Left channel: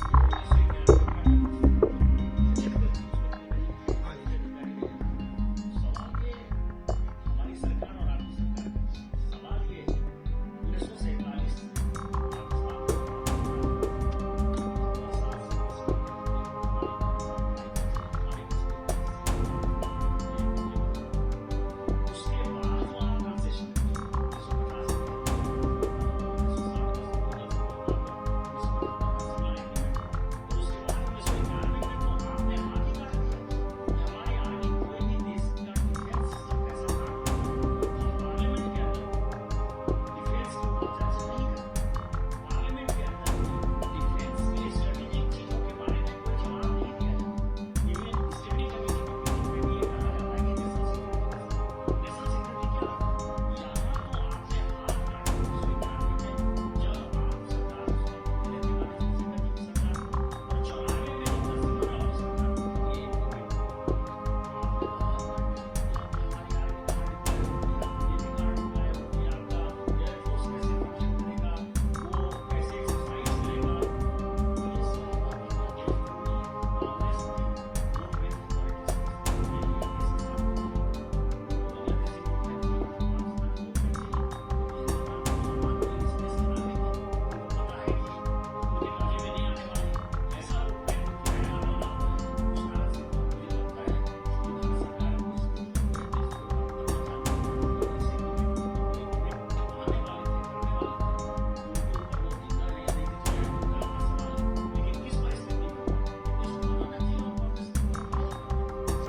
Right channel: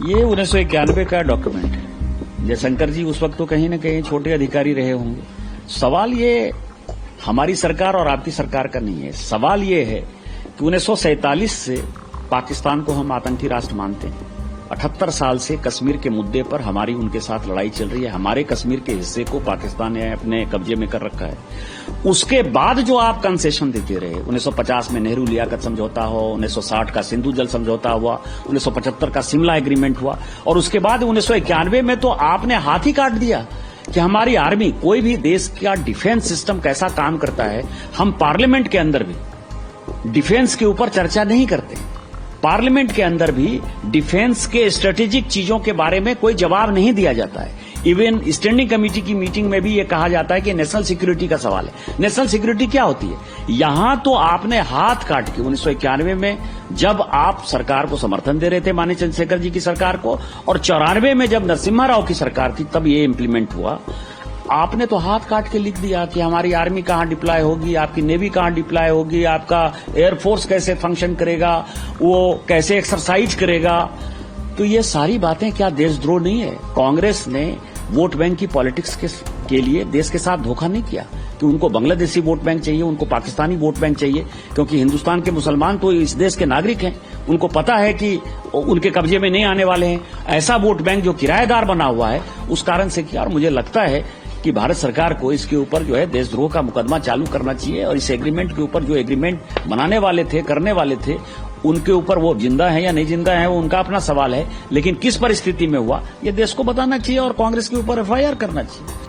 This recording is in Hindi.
ये 1991 का डॉक्यूमेंट है। जयशंकर जी उस वक्त तो कहीं न कहीं छोटे अधिकारी रहे होंगे। सवाल ये हमारी सरकार और आपकी सरकार का नहीं है। सवाल ये है कि 1947 से पाकिस्तान को हम आतंकी राष्ट्र मानते हैं। 78 साल से कश्मीर के मुद्दे पर हमारी उनके साथ लड़ाई चल रही है। हमारे कश्मीर के हिस्से को पाकिस्तान ने अपने कब्जे में कर रखा है। उसके बाद जो आप कंसेशन देते रहे, 1950 में नेहरू लियाकत समझौता हो, 1960 का सिंधु जल समझौता हुआ, 1975 का शिमला एग्रीमेंट हुआ, और उसके बाद 1991 में तो आपने हाथ ही काट दिया कि हमारी आर्मी, कोई भी देश का डिफेंस सिस्टम कैसा काम करता है, हम पार्लियामेंट के अंदर भी डिफेंस के ऊपर चर्चा नहीं करते। पार्लियामेंट के अंदर भी डिफेंस के स्ट्रेटेजिक चीजों के बारे में कोई जवाब नहीं दिया जाता है। इवन स्टैंडिंग कमेटी की मीटिंग में भी ये कहा जाता है कि नेशनल सिक्योरिटी का सवाल है। नेशनल सिक्योरिटी क्या होती है? यहां तो आपने हाथ काट के 1991 में जब आप सरकार को समर्थन दे रहे थे, माननीय चंद्रशेखर जी की सरकार को, और 94 में जब नरसिम्हा राव की सरकार थी तब ये इम्प्लीमेंट हुआ। आपने तो हाथ काट के लिख दिया कि हमारी आर्मी कहां डिप्लॉय होगी, आपकी नेवी कहां डिप्लॉय होगी, आपका एयरफोर्स कैसे फंक्शन करेगा, वो कैसे एक्सरसाइज करेगा। तो ये सारी बातें क्या देशद्रोह नहीं है? कांग्रेस ने वोट बैंक की पॉलिटिक्स के लिए देश के साथ धोखा नहीं किया कि उनको बांग्लादेशी वोट बैंक चाहिए, उनको पाकिस्तानी वोट बैंक चाहिए, क्योंकि हिंदुस्तान के मुसलमान तो इस देश के नागरिक हैं। उनको पता है कि उनके कब्जे में नहीं आने वाले हैं। ऐसा वोट बैंक जो किराएदार बना हुआ है, उस कारण से किया। और मुझे लगता है कि भारत सरकार को इसके ऊपर जो है देशद्रोह का मुकदमा चालू करना चाहिए, और इस एग्रीमेंट के ऊपर जो एग्रीमेंट बनाने वाले थे, करने वाले थे, उनके ऊपर वो जिंदा है या नहीं जिंदा है वो उनका अपना सवाल है, लेकिन किस परिस्थिति में हुआ ये देश को बताना चाहिए और कांग्रेस के ऊपर एफआईआर करना चाहिए।